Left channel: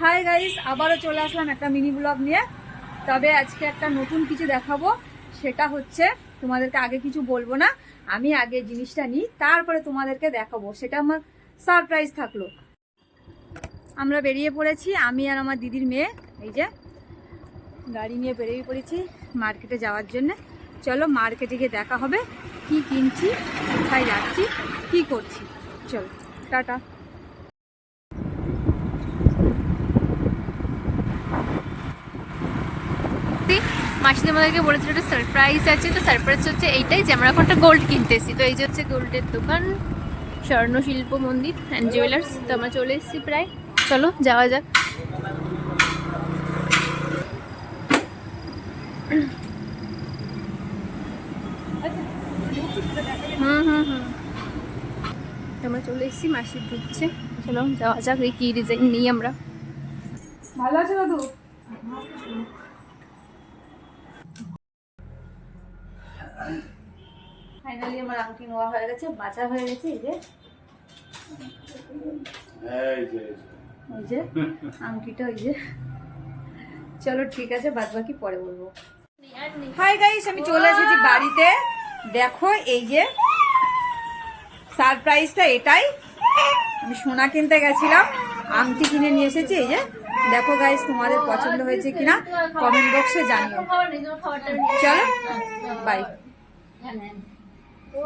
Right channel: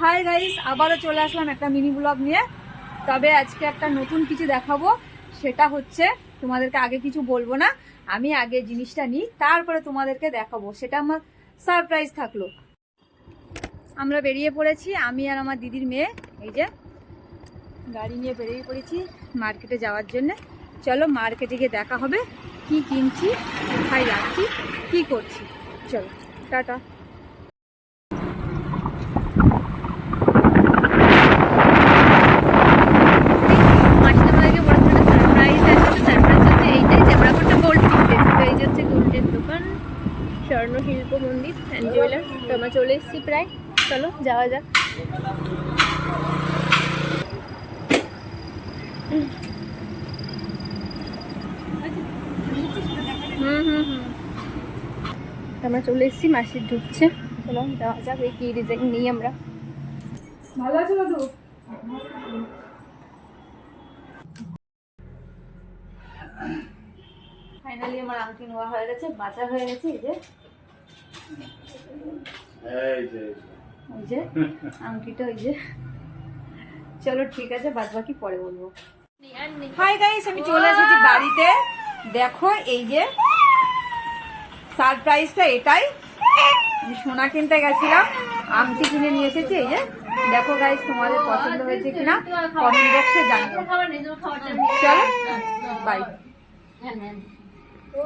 Hi guys আবারও চলে আসলাম একটা মিনি ব্লগ নিয়ে। তবে আজকে একটা নতুন কিছু দেখাবো। সেটা হচ্ছে, তোমাদেরকে আগে কিছু বলব না, আমি আগে জিনিসটা নিই, তারপরে তোমাদেরকে দেখাবো। সেটা আমার সারপ্রাইজ থাকল। আমরা বেরিয়ে পড়েছি, আমি আর আমার দিদির মেয়ে, এই যে, গাড়ি নিয়ে বেরিয়ে পড়েছি মার্কেটে যাওয়ার জন্য। চলো মার্কেটে গিয়ে দেখা হবে, কি কিনছি, কোথায় যাচ্ছি, কি করছি। চলো, টাটা মাসিদের আমাদেরকে বলেছিল একটা সারপ্রাইজ আছে তো সারপ্রাইজ হচ্ছে এইটাই যে আমরা এখন একটা তো এই যে হচ্ছে গোল্ডের দোকান, স্বর্ণ শিল্প মন্দির অ্যান্ড জুয়েলার্স তো আমরা চলে এসেছি প্রায়। চলো, যাওয়া যাক। হুম হুম হুম। আমরা চলে এসেছি মাসির ঢুকছে। চলো, যাওয়া যাক, এই কী ডিজাইন নিই আমরা। ভালো আছো ফাইনালি আমার আংটি নেওয়া হয়ে গেছে বাঁচা হয়ে গেছে এই যে। এই যে ওই যে। আংটিটা ওই যে। চলো ঠিক আছে বাদ বাকি পরে বলব। হাই গাইস আমি চলে এসেছি বাড়িতে। দেখো এই যে সারপ্রাইজটা এটাই। আমি সোনা কিনতে গেছিলাম আংটি কিনে নিয়ে এসেছি এই যে। দেখো গাইস তোমাদের পছন্দ হয়েছে কিনা কমেন্ট বক্সে জানিও। চলো বাই হ্যাঁ হ্যাঁ।